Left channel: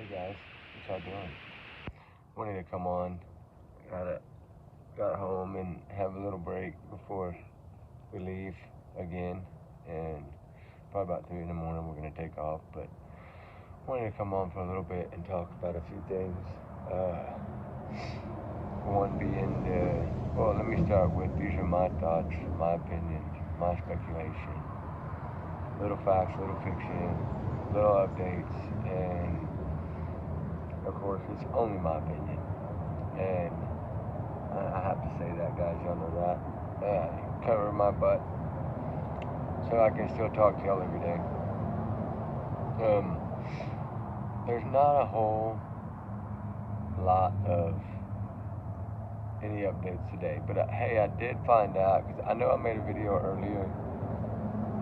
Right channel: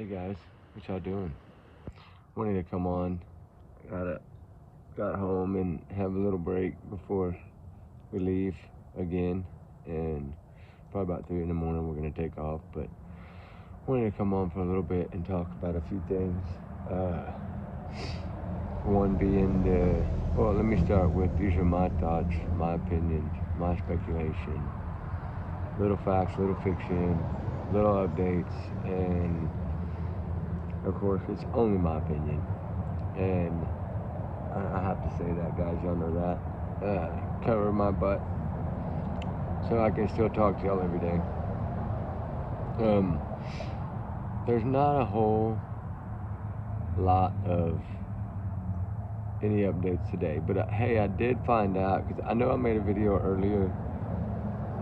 Hey guys, what y'all doing? Wanted to come on. Got home and have a little break before we leave again, and probably about 3 in the morning we're gonna take off. But wanted to come on for a little bit and talk about a few things. One being well, let me start with these are my thoughts, my opinions, my speculation, little facts, little fiction, little updates, and of course it's only my opinion. And I have to say that, guys. Y'all know that. Cover my butt so I can still talk to y'all every day. There's not a whole lot of any updates today, but hey, I did find out because I know I made a video earlier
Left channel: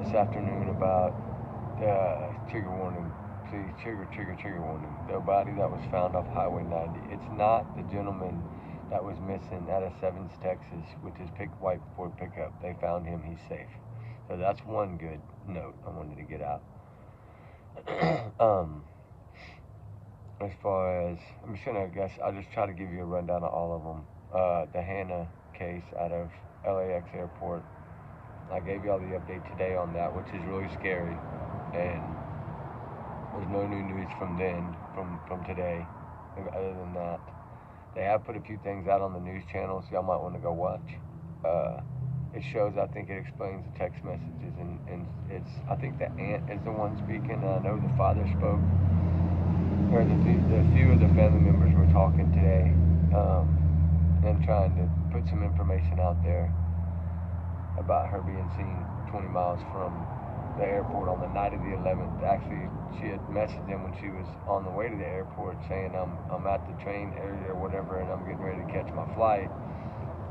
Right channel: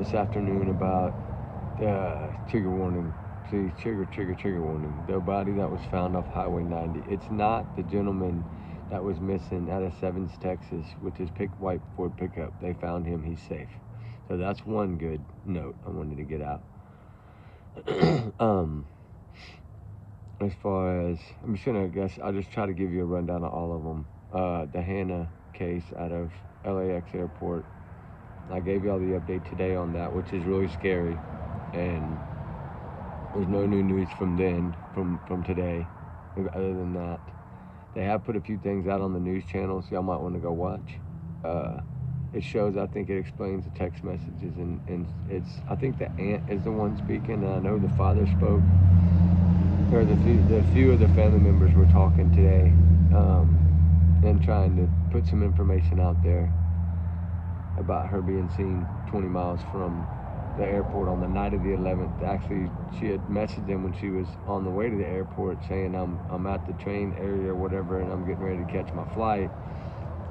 this afternoon about trigger warning. Please, trigger warning. The body that was found off Highway 90. It's not the gentleman that was missing out of Sevens, Texas, with his white Ford pickup. They found him. He's safe. So that's one good note I wanted to get out. As far as, I'll just try to give you a rundown of all of them. The Hannah case out of LAX airport. I gave y'all the update today on that, which is really scary. And there's no new news from today, other than that. They have put a few things out on the news channels. Y'all might want to go watch. It shows, I think it explains the text messages, and I think the aunt is the one speaking, and I know the father spoke, or the few of the family members were talking today, and trying to put some information out there about her being seen 20 miles from the airport on the night of the 11th. Actually, she had messaged him when she was on the way to the airport saying, I'm at the train area or whatever, and I'm getting ready to catch my flight,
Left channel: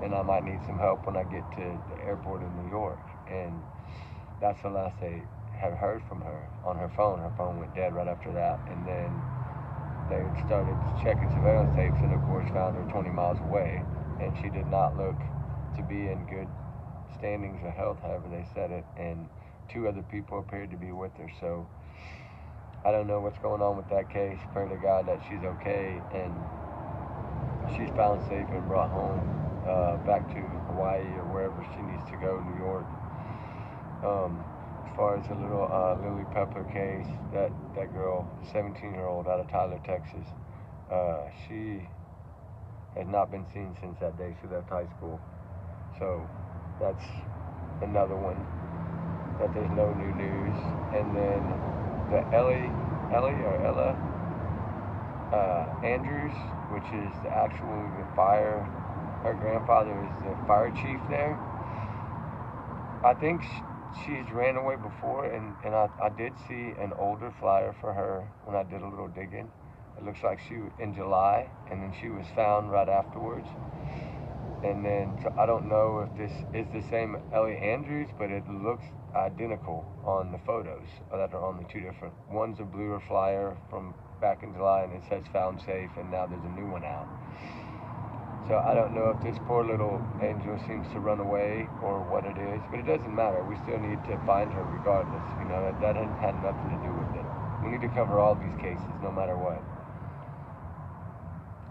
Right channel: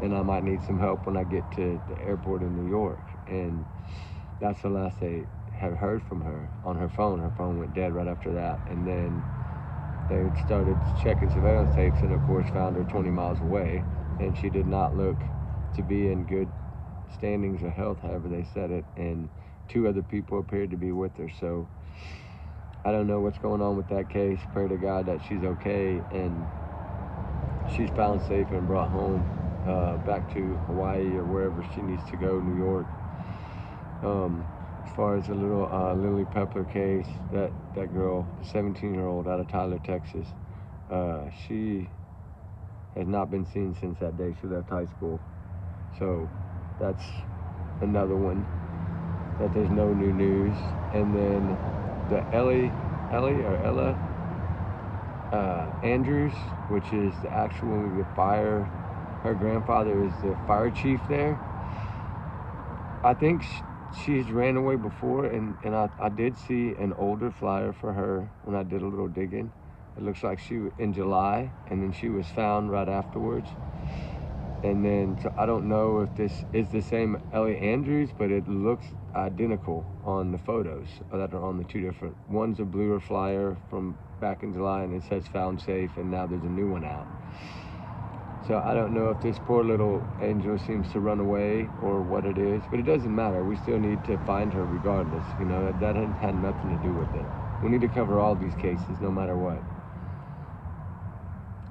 and I might need some help when I get to the airport in New York. And that's the last they had heard from her on her phone. Her phone went dead right after that. And then they started checking surveillance tapes and, of course, found her 20 miles away. And she did not look to be in good standings of health, however they said it. And 2 other people appeared to be with her. So I don't know what's going on with that case. Pray to God that she's okay and she's found safe and brought home. Back to Hawaii or wherever she needs to go, New York. As far as the little Lily Pepper case, that girl, 17-year-old out of Tyler, Texas, she has not been seen since that day she left high school. So that's another one that there's no new news. And then the Ella Andrews, which is actually the fire. Her grandfather is the fire chief there. I think she's ran away before, and I did see an older flyer for her when I did a little digging. It looks like she was in July, and then she was found right afterwards. And then, so I don't know if this is the same Ellie Andrews, but it looks identical on the photos that are on the 2 different. One's a bluer flyer from back in July, and it says found safe, and now there's a new one out. So I don't know if this poor little angel seems to run away or what it is, but it doesn't matter. We still need to find her regardless. You know, that had nothing to do with it. We need to cover all these cases no matter what.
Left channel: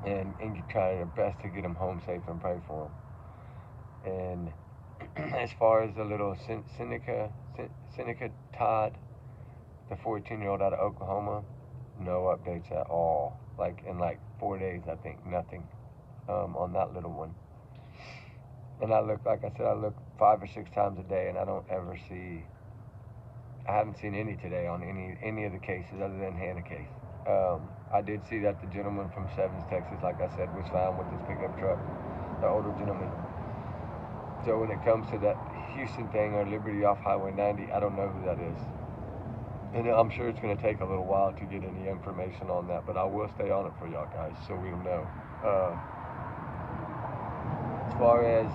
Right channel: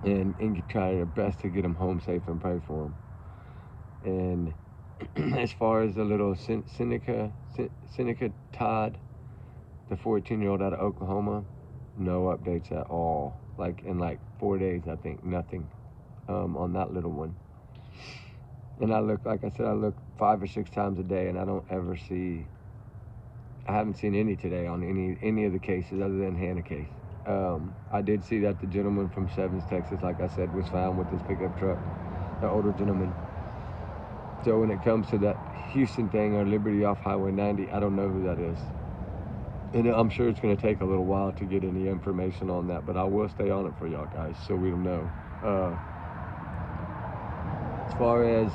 And try our best to get them home safe and pray for them. And as far as the little Seneca Todd, the 14-year-old out of Oklahoma, no updates at all. Like in 4 days, I think, nothing. On that little one. And I look 5 or 6 times a day, and I haven't seen any today on any of the cases other than Hannah case. I did see that the gentleman from Sevens, Texas, like I said, was found with his pickup truck, the older gentleman. So when it comes to that Houston thing or Liberty off Highway 90, I don't know who that is. And I'm sure it's going to take a little while to get any information on that, but I will stay on it for y'all guys so we'll know. As far as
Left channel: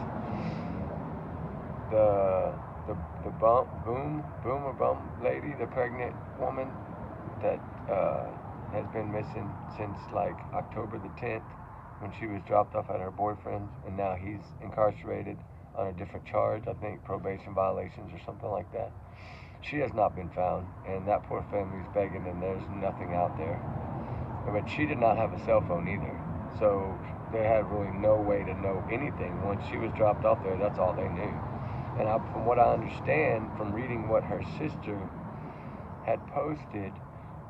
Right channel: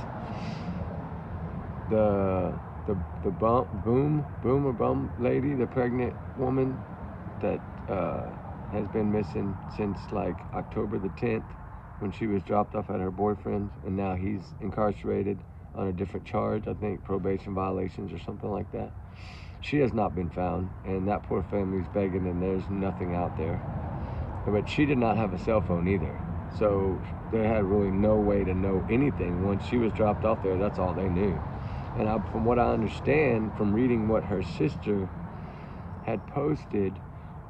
the bum lady, the pregnant woman that has been missing since October the 10th when she was dropped off at her boyfriend's, and now he's incarcerated on a different charge, I think probation violations or something like that. She has not been found, and that poor family's begging, and there's nothing out there. But she did not have a cell phone either. So they had really no way to know anything. Once she was dropped off there, that's all they knew. And from what I understand from reading what her sister had posted,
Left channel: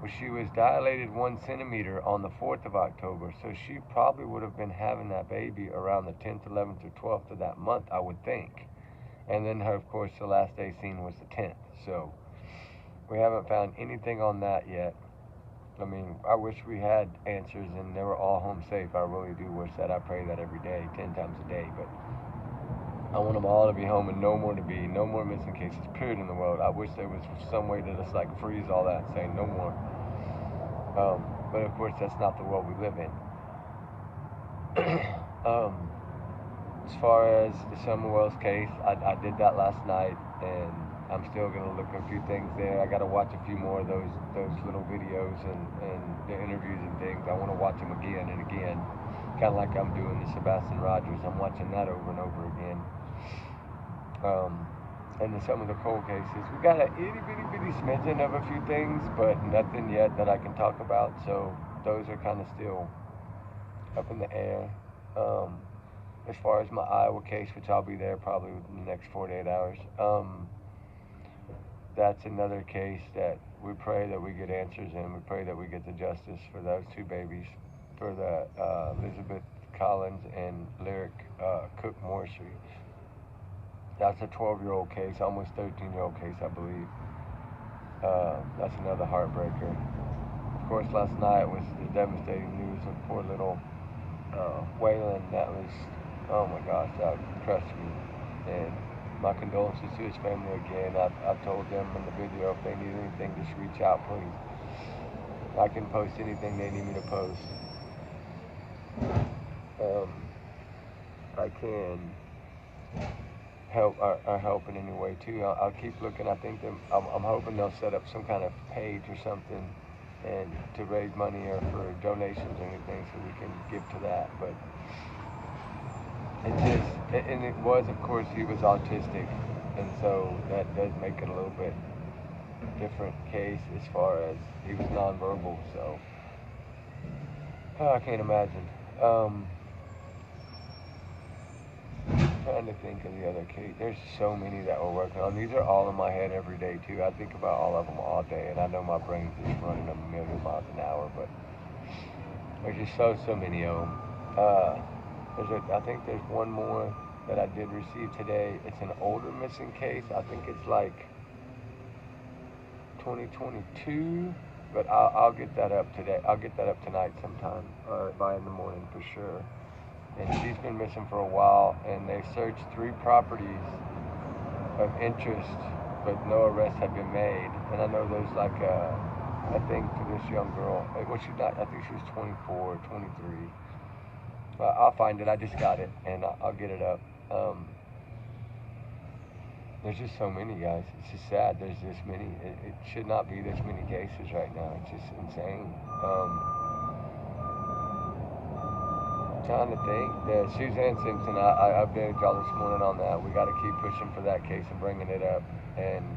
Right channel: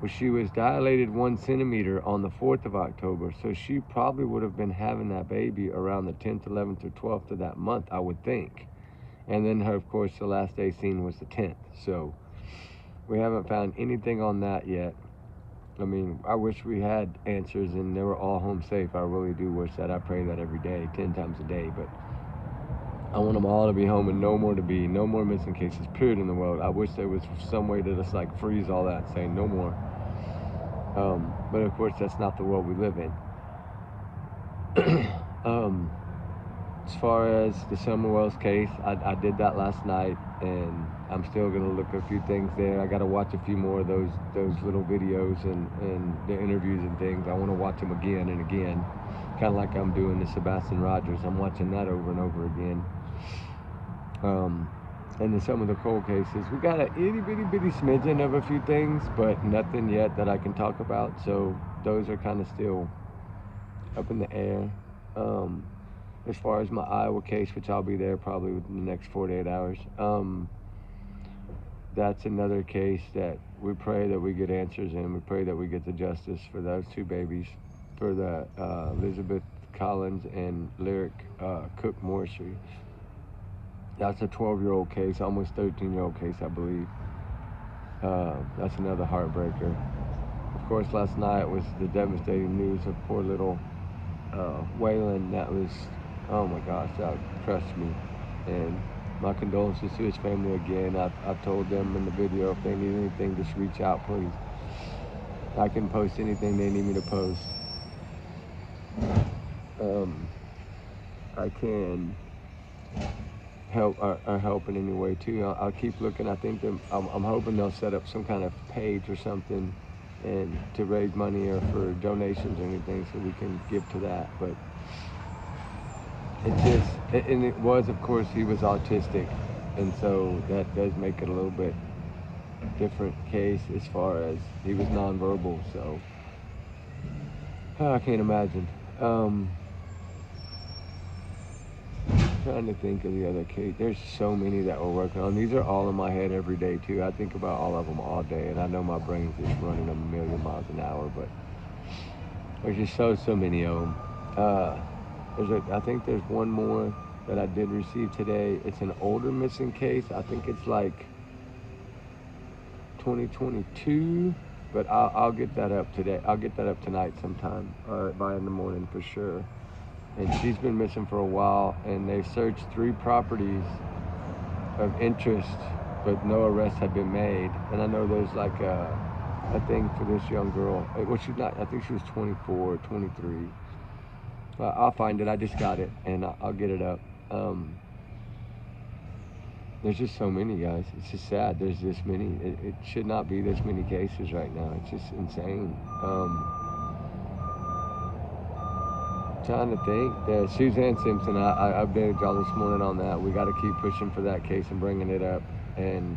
was she was dilated 1 centimeter on the 4th of October. So she probably would have been having that baby around the 10th, 11th, or 12th of that month, I would think. And then her, of course, the last day seen was the 10th. So we haven't found anything on that yet. I mean, I wish we had answers and they were all home safe. I really do wish that. I pray that every day, 10 times a day. But I want them all to be home and no more missing cases, period, in the world. I wish there was some way to just like freeze all that and say no more. But of course, that's not the world we live in. As far as the Summer Wells case, I did that last night, and I'm still gonna look at a few things there. I gotta watch a few more of those little videos and the interviews and things. I want to watch them again and again, kind of like I'm doing the Sebastian Rogers. I'm watching that over and over again. And then some of the cold cases, we got an itty bitty smidgen of a few things, but nothing yet that I can talk about. So those are kind of still up in the air. As far as my Iowa case, which I'll be there probably within the next 48 hours, that's another case that we pray that we get answers in. We pray that we get the justice for those two babies, for the Elizabeth Collins and Lyric Cook Morrissey. That's a 12-year-old case, almost 13-year-old case, I believe. That's another heartbreaker. Of course, last night was the devastating news of poor little Waylon. That was, oh my gosh, that crushed me. And my condolences to his family again. I told them in the video, if they need anything, just reach out, please. I can post anything they need me to post. I can help in any way too. I'll keep looking. I think I'm hoping they'll set up some kind of page or something and to raise money or for donations or anything so we can give to that. But it's just, and it was, of course, he was autistic, and so that does make it a little bit different case as far as he was nonverbal. So I can't imagine. Trying to think of the other case. There's so many that we're working on. These are all in my head every day too. I think about all of them all day, and I know my brain's just running a million miles an hour, but there's just so many of them. I think there's one more that I did receive today. It's an older missing case. I think it's like 2022, but I'll get that up today. I'll get that up tonight sometime, or by in the morning for sure. And she's been missing for a while, and they've searched 3 properties of interest, but no arrests have been made. And I know there's like a thing for this young girl. Well, she's not, I think she was 24 or 23. I'll find it. I just got it, and I'll get it up. There's just so many, guys. It's just sad there's this many. It should not be this many cases right now. It's just insane. Trying to think. Suzanne Simpson, I updated y'all this morning on that. We got to keep pushing for that case and bringing it up, and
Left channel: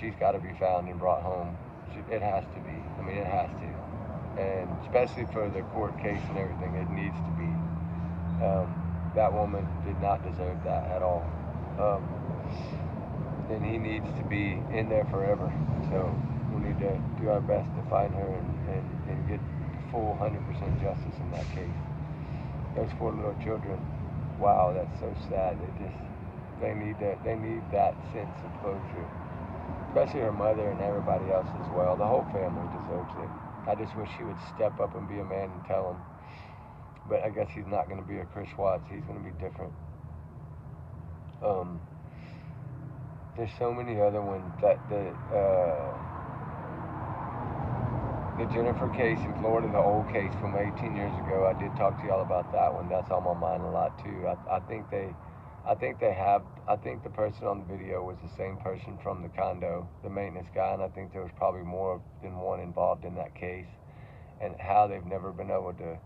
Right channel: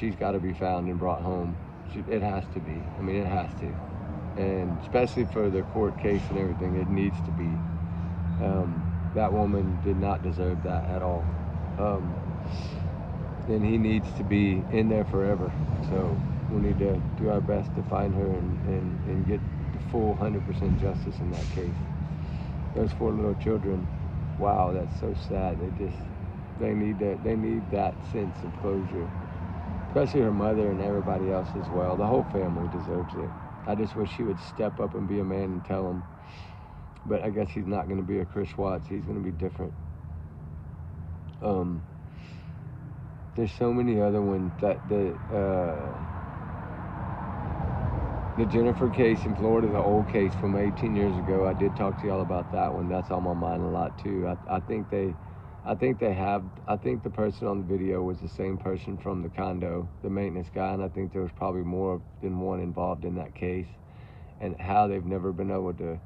she's got to be found and brought home. It has to be. I mean, it has to, and especially for the court case and everything, it needs to be. That woman did not deserve that at all, and he needs to be in there forever. So we need to do our best to find her and get full 100% justice in that case. Those 4 little children, wow, that's so sad. They need that sense of closure, especially her mother and everybody else as well. The whole family deserves it. I just wish he would step up and be a man and tell them. But I guess he's not going to be a Chris Watts. He's going to be different. There's so many other ones that the Jennifer case in Florida, the old case from 18 years ago. I did talk to y'all about that one. That's on my mind a lot too. I think the person on the video was the same person from the condo, the maintenance guy, and I think there was probably more than one involved in that case, and how they've never been able to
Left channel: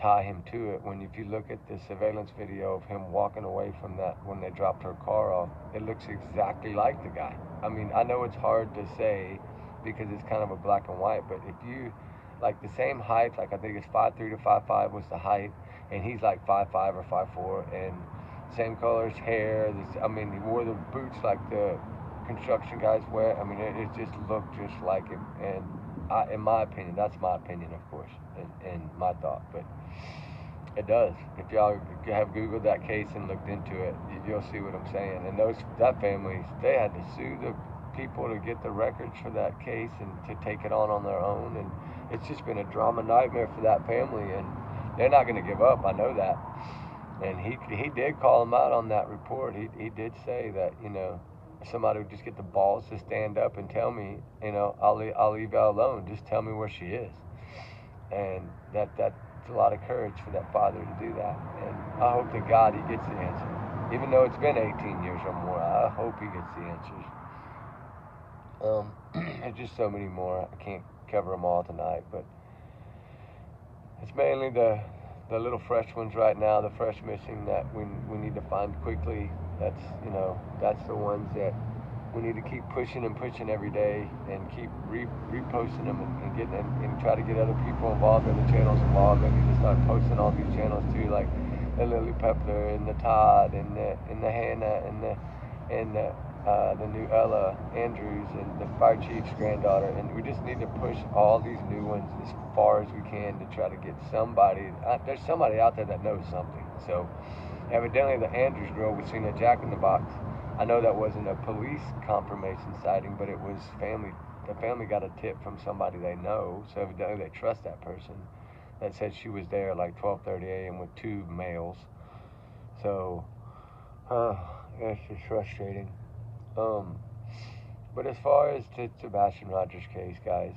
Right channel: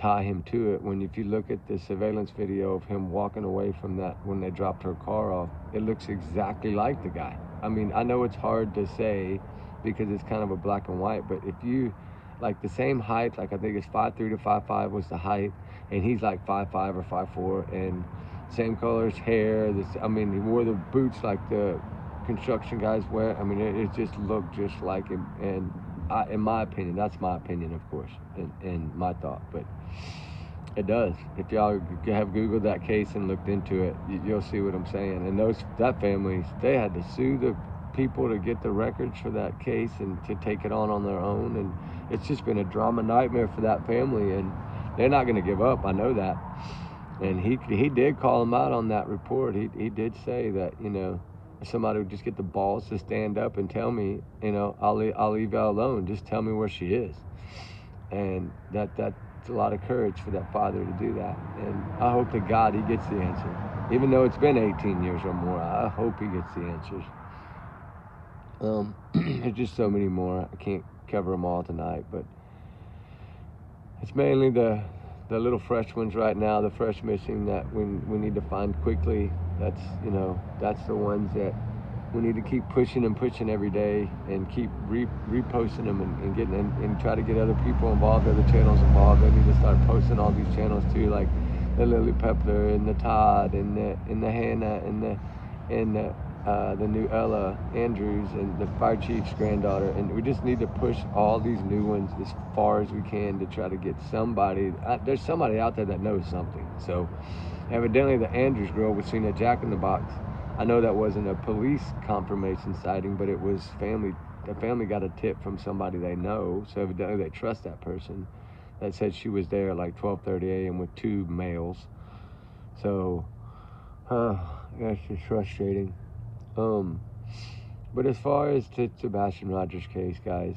tie him to it. When if you look at the surveillance video of him walking away from that when they dropped her car off, it looks exactly like the guy. I mean, I know it's hard to say because it's kind of a black and white, but if you, like the same height. Like I think it's 5'3" to 5'5" was the height, and he's like 5'5" or 5'4", and same colors, hair. I mean, he wore the boots like the construction guys wear. I mean, it just looked just like him. And in my opinion, that's my opinion, of course, and my thought, but it does. If y'all have Googled that case and looked into it, you'll see what I'm saying. And that family, they had to sue the people to get the records for that case and to take it on their own. And it's just been a drama nightmare for that family. And they're not going to give up. I know that. And he did call him out on that report. He did say that, if somebody would just get the balls to stand up and tell me, I'll leave y'all alone. Just tell me where she is. And that's a lot of courage for that father to do that. And I hope to God he gets the answer. Even though it's been 18 years or more, I hope he gets the answers. There's just so many more. I can't cover them all tonight, but it's mainly the little fresh ones right now, the fresh missing that we need to find quickly. That's the ones that we need to keep pushing and pushing every day, and keep reposting them and getting and try to get other people involved, other channels involved. They need to start posting all these channels too, like the Lily Pepler and the Todd and the Hannah and the new Ella Andrews and the fire chief's granddaughter. And we just need to push all these new ones as far as we can to try to get somebody. There's somebody out there that knows something. So evidently the Andrews girl was seen at Jack in the Box. I know that wasn't a police confirmation sighting, but it was family. The family got a tip from somebody they know, so evidently they trust that person, that said she was there at like 12:30 a.m. with 2 males. So, that's just frustrating. But as far as the Sebastian Rogers case, guys,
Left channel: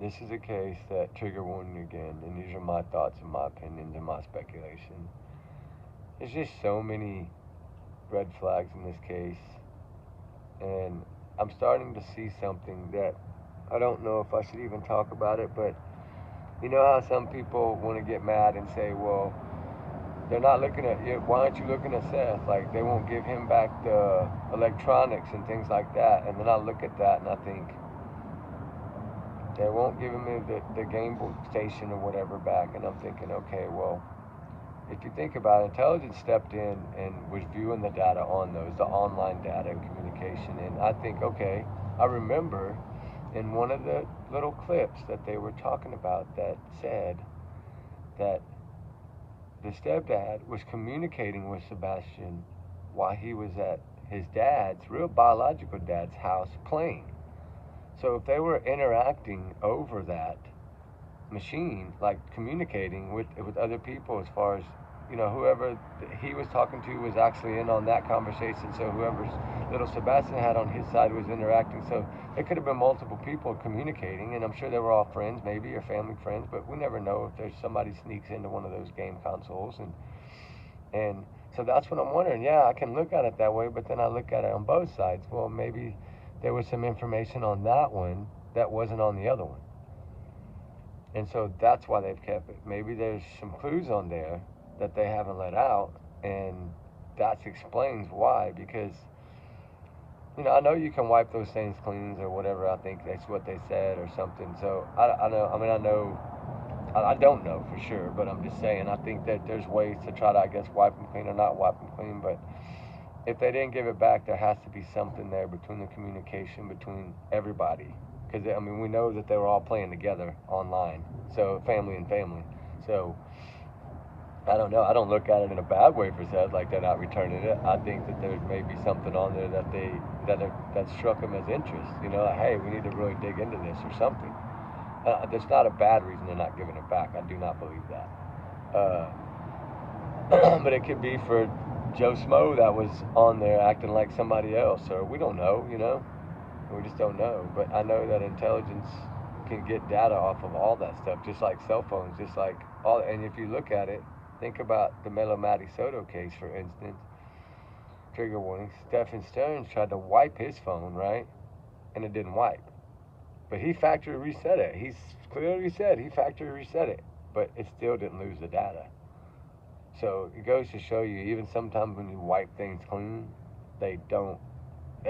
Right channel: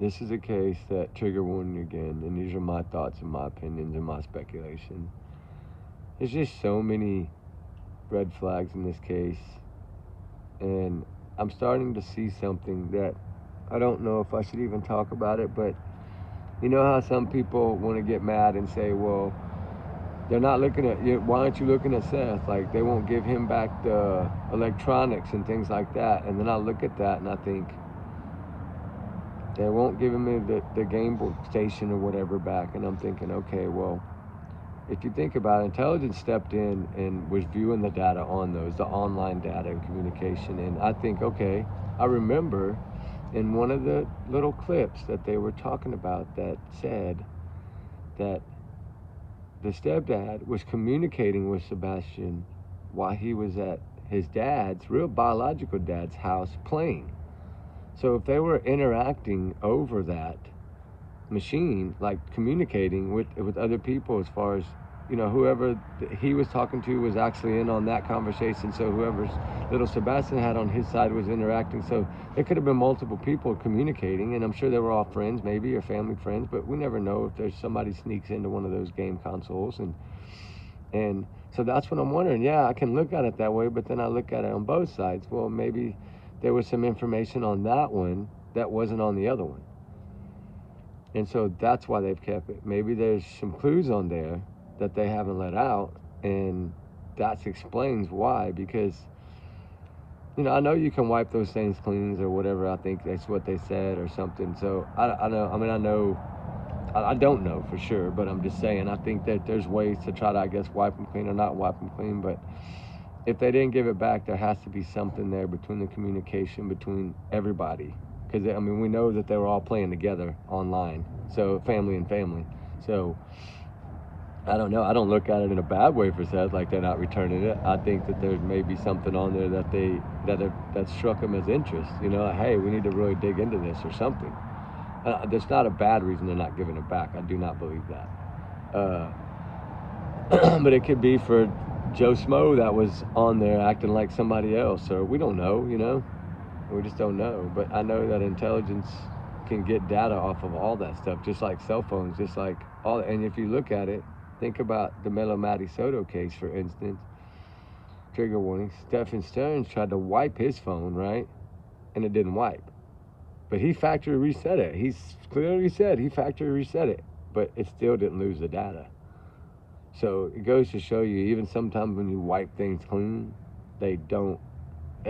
this is a case that, trigger warning again, and these are my thoughts and my opinions and my speculation. There's just so many red flags in this case, and I'm starting to see something that I don't know if I should even talk about it, but you know how some people want to get mad and say, well, they're not looking at you, why aren't you looking at Seth? Like, they won't give him back the electronics and things like that. And then I look at that and I think, they won't give him the game station or whatever back. And I'm thinking, okay, well, if you think about it, intelligence stepped in and was viewing the data on those, the online data and communication. And I think, okay, I remember in one of the little clips that they were talking about that said that the stepdad was communicating with Sebastian while he was at his dad's, real biological dad's house playing. So if they were interacting over that machine, like communicating with other people, as far as, whoever he was talking to was actually in on that conversation. So whoever's little Sebastian had on his side was interacting. So there could have been multiple people communicating, and I'm sure they were all friends, maybe, or family friends, but we never know if there's somebody sneaks into one of those game consoles. And so that's what I'm wondering. Yeah, I can look at it that way, but then I look at it on both sides. Well, maybe there was some information on that one that wasn't on the other one. And so that's why they've kept it. Maybe there's some clues on there that they haven't let out, and that explains why. Because, I know you can wipe those things clean or whatever. I think that's what they said or something. So I know. I don't know for sure, but I'm just saying. I think that there's ways to try to, I guess, wipe them clean or not wipe them clean. But if they didn't give it back, there has to be something there between the communication between everybody. Because, we know that they were all playing together online. So, family and family. So, I don't know. I don't look at it in a bad way for Seth, like they're not returning it. I think that there may be something on there that struck them as interest. Hey, we need to really dig into this or something. There's not a bad reason they're not giving it back. I do not believe that. But it could be for Joe Smo that was on there acting like somebody else, or we don't know, we just don't know. But I know that intelligence can get data off of all that stuff, just like cell phones, just like all. And if you look at it, think about the Melo Matty Soto case, for instance. Trigger warning. Stephen Stearns tried to wipe his phone, right? And it didn't wipe. But he factory reset it. He's clearly said he factory reset it, but it still didn't lose the data. So it goes to show you, even sometimes when you wipe things clean, that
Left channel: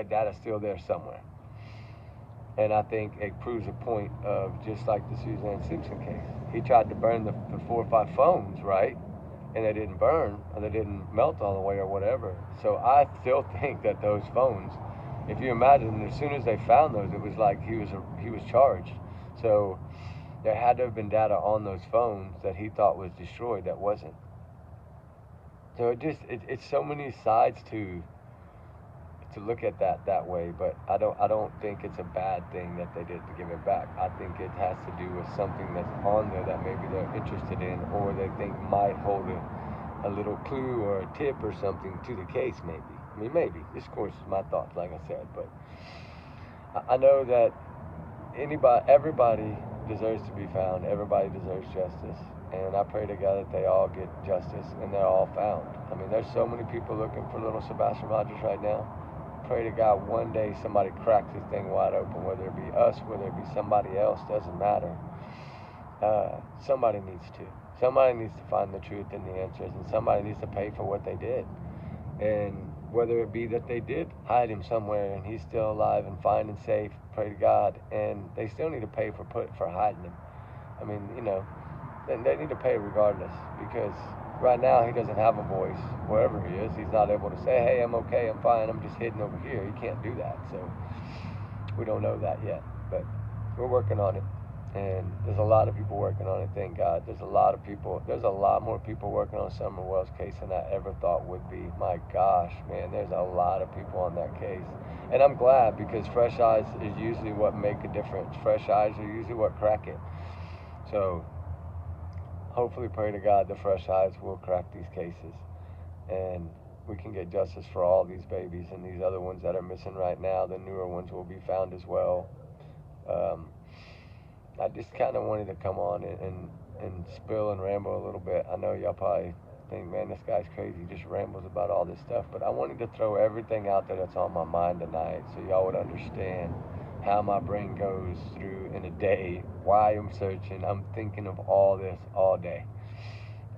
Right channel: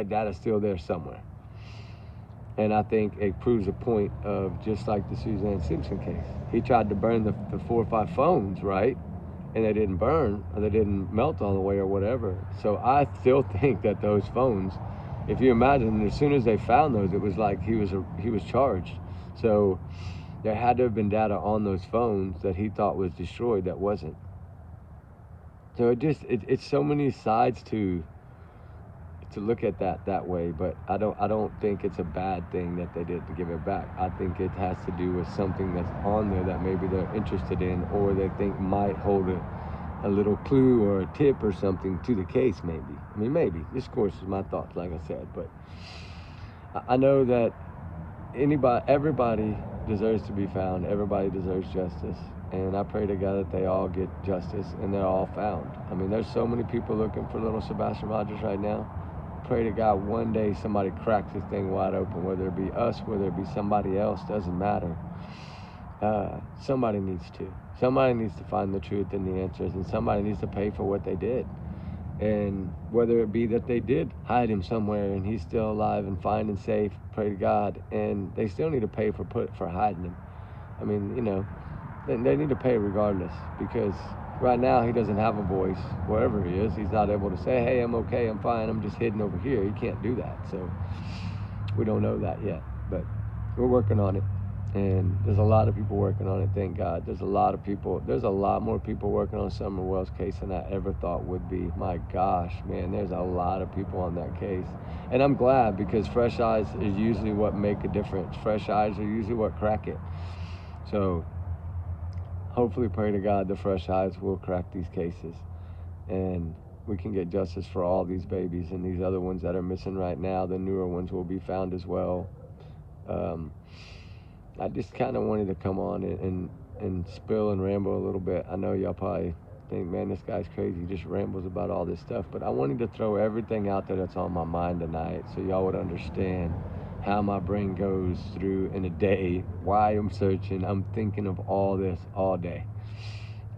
data's still there somewhere. And I think it proves a point of just like the Suzanne Simpson case. He tried to burn the 4 or 5 phones, right? And they didn't burn, or they didn't melt all the way, or whatever. So I still think that those phones, if you imagine, as soon as they found those, it was like he was charged. So there had to have been data on those phones that he thought was destroyed that wasn't. So it's so many sides to look at that way, but I don't think it's a bad thing that they did to give it back. I think it has to do with something that's on there that maybe they're interested in, or they think might hold a little clue or a tip or something to the case. Maybe. I mean, maybe. This, of course, is my thoughts, like I said, but I know that everybody deserves to be found. Everybody deserves justice. And I pray to God that they all get justice and they're all found. I mean, there's so many people looking for little Sebastian Rogers right now. Pray to God one day somebody cracks this thing wide open, whether it be us, whether it be somebody else, doesn't matter. Somebody needs to. Somebody needs to find the truth and the answers, and somebody needs to pay for what they did. And whether it be that they did hide him somewhere and he's still alive and fine and safe, pray to God, and they still need to pay for hiding him. I mean, they need to pay regardless, because right now he doesn't have a voice wherever he is. He's not able to say, hey, I'm okay, I'm fine, I'm just hidden over here. He can't do that. So we don't know that yet, but we're working on it. And there's a lot of people working on it, thank God. There's a lot more people working on Summer Wells' case than I ever thought would be. My gosh, man, there's a lot of people on that case. And I'm glad, because fresh eyes is usually what make a difference. Fresh eyes are usually what crack it. So hopefully, pray to God, the fresh eyes will crack these cases. And we can get justice for all these babies, and these other ones that are missing right now, the newer ones will be found as well. I just kind of wanted to come on and spill and ramble a little bit. I know y'all probably think, man, this guy's crazy. He just rambles about all this stuff. But I wanted to throw everything out there that's on my mind tonight, so y'all would understand how my brain goes through in a day, why I'm searching. I'm thinking of all this all day.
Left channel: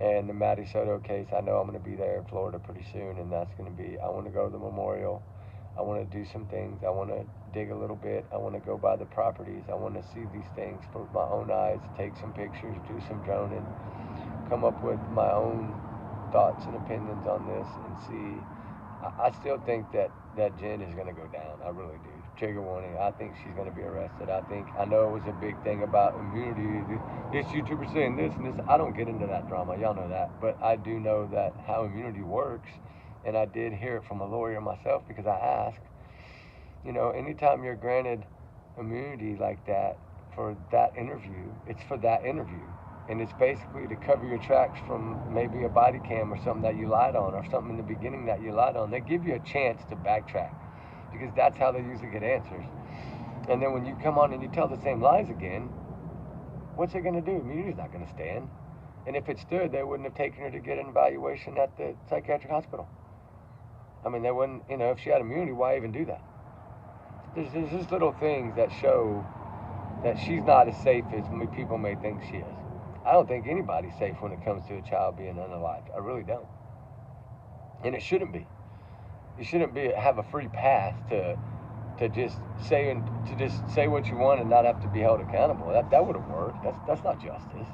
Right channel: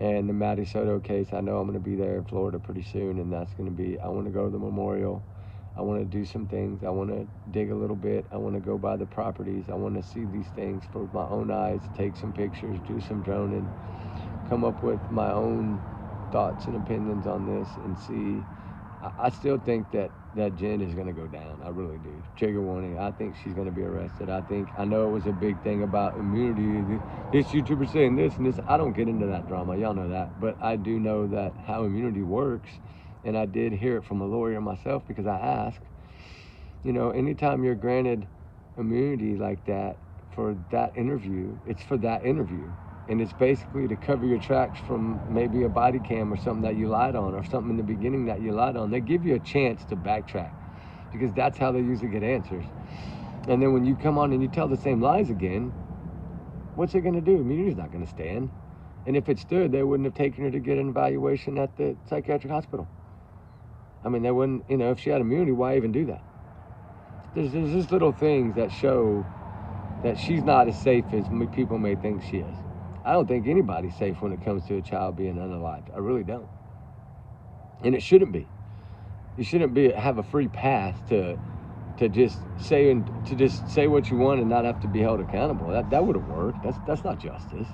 And the Matty Soto case, I know I'm going to be there in Florida pretty soon, and that's going to be, I want to go to the memorial. I want to do some things. I want to dig a little bit. I want to go by the properties. I want to see these things for my own eyes, take some pictures, do some droning, come up with my own thoughts and opinions on this, and see. I still think that Jen is going to go down. I really do. Trigger warning. I think she's going to be arrested. I know it was a big thing about immunity. This YouTuber saying this and this. I don't get into that drama. Y'all know that. But I do know that how immunity works. And I did hear it from a lawyer myself, because I asked, anytime you're granted immunity like that for that interview, it's for that interview. And it's basically to cover your tracks from maybe a body cam or something that you lied on, or something in the beginning that you lied on. They give you a chance to backtrack, because that's how they usually get answers. And then when you come on and you tell the same lies again, what's it going to do? Immunity's not going to stand. And if it stood, they wouldn't have taken her to get an evaluation at the psychiatric hospital. I mean, they wouldn't, if she had immunity, why even do that? There's just little things that show that she's not as safe as people may think she is. I don't think anybody's safe when it comes to a child being unalived. I really don't. And it shouldn't be. You shouldn't have a free pass to just say what you want and not have to be held accountable. That would have worked. That's not justice.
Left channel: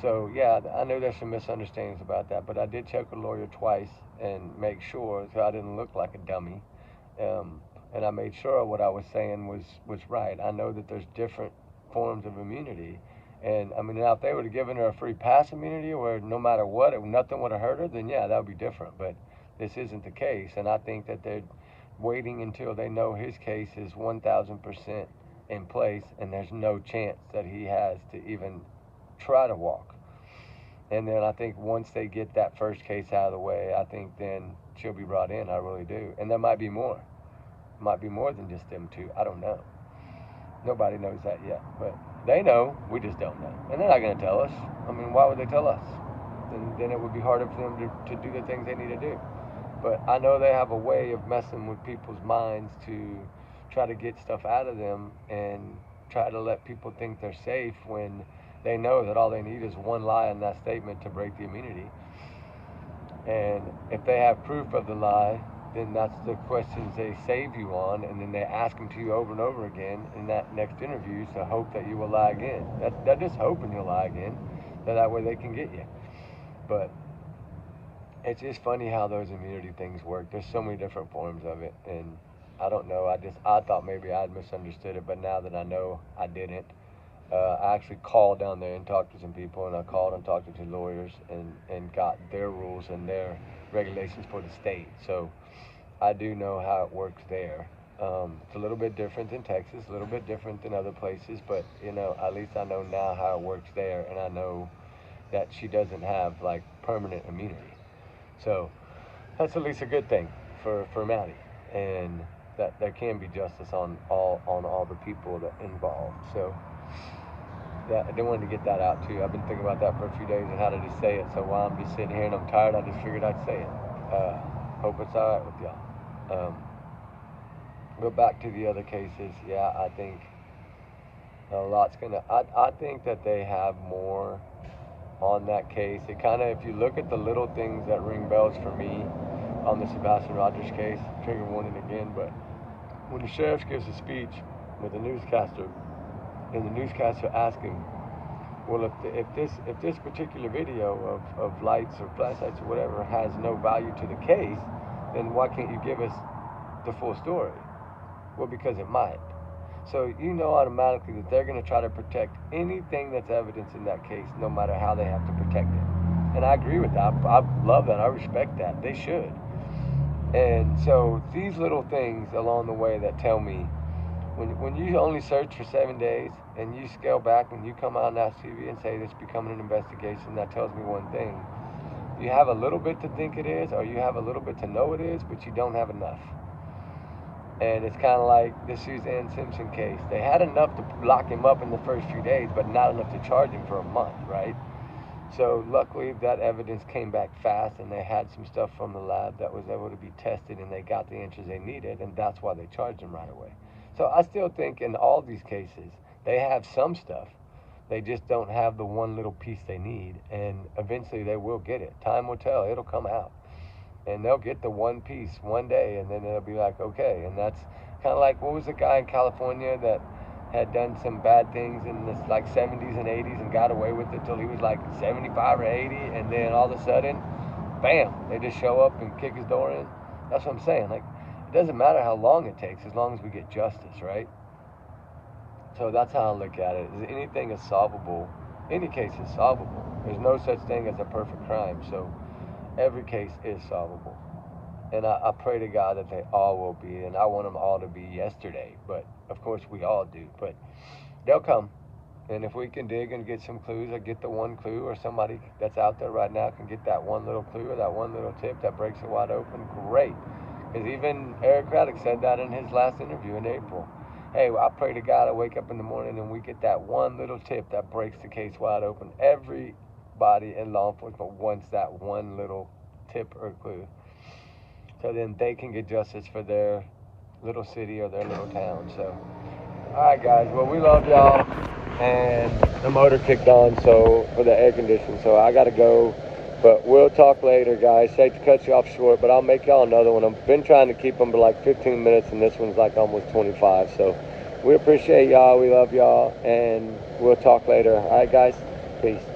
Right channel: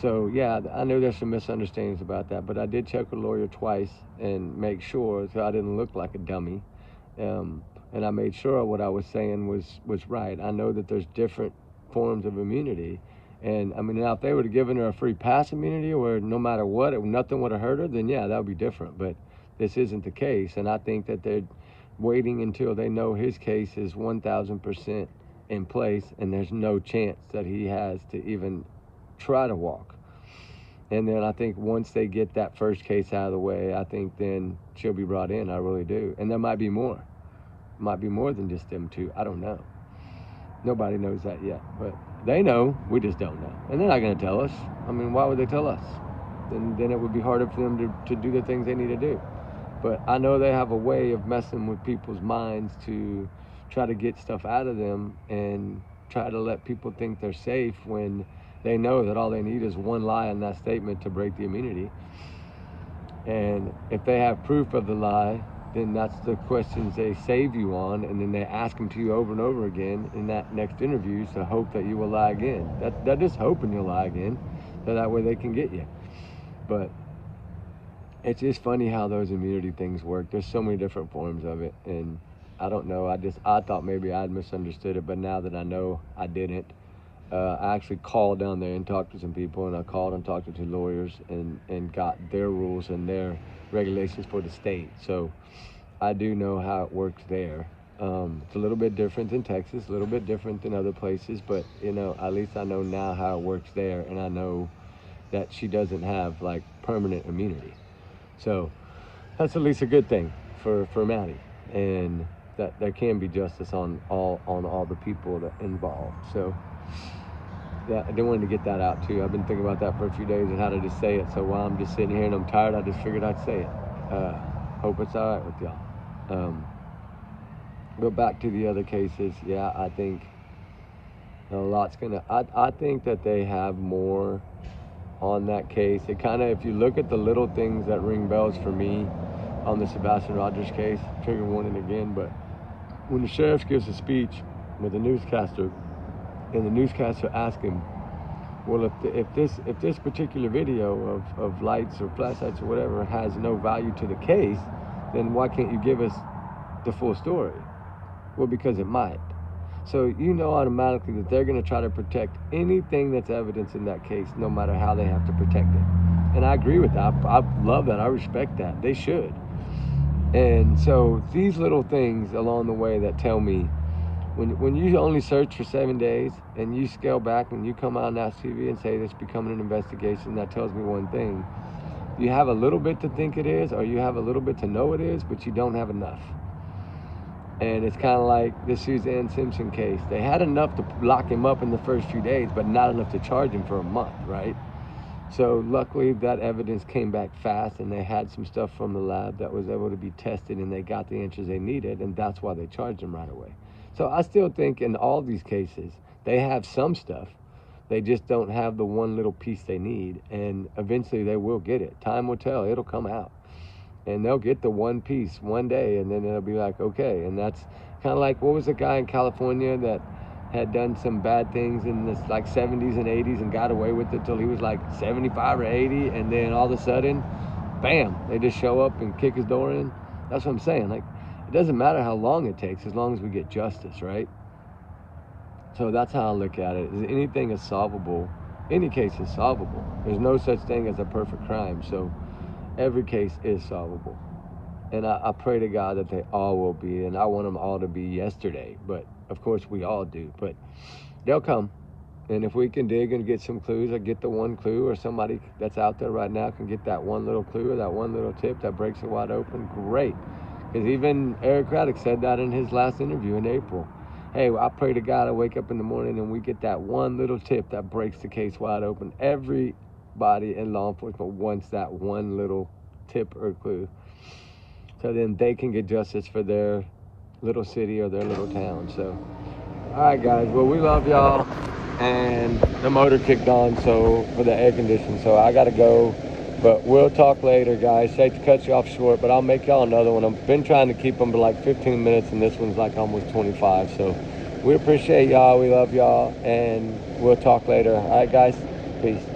So yeah, I know there's some misunderstandings about that, but I did check with a lawyer twice and make sure, so I didn't look like a dummy. And I made sure what I was saying was right. I know that there's different forms of immunity. And I mean, now if they would have given her a free pass immunity, where no matter what, nothing would have hurt her, then yeah, that would be different. But this isn't the case. And I think that they're waiting until they know his case is 1,000% in place, and there's no chance that he has to even try to walk. And then I think once they get that first case out of the way, I think then she'll be brought in. I really do. And there might be more. Might be more than just them two. I don't know. Nobody knows that yet. But they know. We just don't know. And they're not going to tell us. I mean, why would they tell us? Then it would be harder for them to do the things they need to do. But I know they have a way of messing with people's minds to try to get stuff out of them and try to let people think they're safe when they know that all they need is one lie in that statement to break the immunity. And if they have proof of the lie, then that's the questions they save you on, and then they ask them to you over and over again in that next interview to hope that you will lie again. They're just hoping you'll lie again, so that way they can get you. But it's just funny how those immunity things work. There's so many different forms of it, and I don't know. I thought maybe I'd misunderstood it, but now that I know I didn't, I actually called down there and talked to some people, and I called and talked to two lawyers and got their rules and their regulations for the state. So I do know how it works there. It's a little bit different than Texas, a little bit different than other places, but at least I know now how it works there, and I know that she doesn't have like permanent immunity. So that's at least a good thing for Maddie, and that there can be justice on all the people that involved. So yeah, I did wanted to get that out too. I've been thinking about that for a few days and how to just say it. So while I'm just sitting here and I'm tired, I just figured I'd say it. Hope it's all right with y'all. Go back to the other cases. Yeah, I think a lot's gonna. I think that they have more on that case. It kind of, if you look at the little things that ring bells for me on the Sebastian Rogers case, trigger warning again, but when the sheriff gives a speech with a newscaster, and the newscaster asks him, well, if this particular video of lights or flashlights or whatever has no value to the case, then why can't you give us the full story? Well, because it might. So you know automatically that they're going to try to protect anything that's evidence in that case, no matter how they have to protect it. And I agree with that. I love that. I respect that. They should. And so these little things along the way that tell me, when you only search for 7 days and you scale back and you come out on Nash TV and say it's becoming an investigation, that tells me one thing. You have a little bit to think it is, or you have a little bit to know it is, but you don't have enough. And it's kind of like the Suzanne Simpson case. They had enough to lock him up in the first few days, but not enough to charge him for a month, right? So luckily that evidence came back fast, and they had some stuff from the lab that was able to be tested, and they got the answers they needed, and that's why they charged him right away. So I still think in all these cases, they have some stuff. They just don't have the one little piece they need, and eventually they will get it. Time will tell. It'll come out. And they'll get the one piece one day, and then it'll be like, okay. And that's kind of like, what was the guy in California that had done some bad things in the like 70s and 80s and got away with it till he was like 75 or 80, and then all of a sudden, bam, they just show up and kick his door in? That's what I'm saying. Like, it doesn't matter how long it takes as long as we get justice, right? So that's how I look at it. Anything is solvable. Any case is solvable. There's no such thing as a perfect crime. So every case is solvable. And I pray to God that they all will be. And I want them all to be yesterday. But of course we all do. But they'll come. And if we can dig and get some clues, or get the one clue, or somebody that's out there right now can get that one little clue or that one little tip that breaks it wide open, great. Because even Eric Craddock said that in his last interview in April. Hey, I pray to God I wake up in the morning and we get that one little tip that breaks the case wide open. Everybody in law enforcement wants that one little tip or clue. So then they can get justice for their little city or their little town. So, all right, guys. Well, we love y'all. And the motor kicked on, so for the air conditioning. So I got to go. But we'll talk later, guys. Hate to cut you off short, but I'll make y'all another one. I've been trying to keep them to like 15 minutes, and this one's like almost 25. So we appreciate y'all. We love y'all, and we'll talk later. All right, guys. Peace.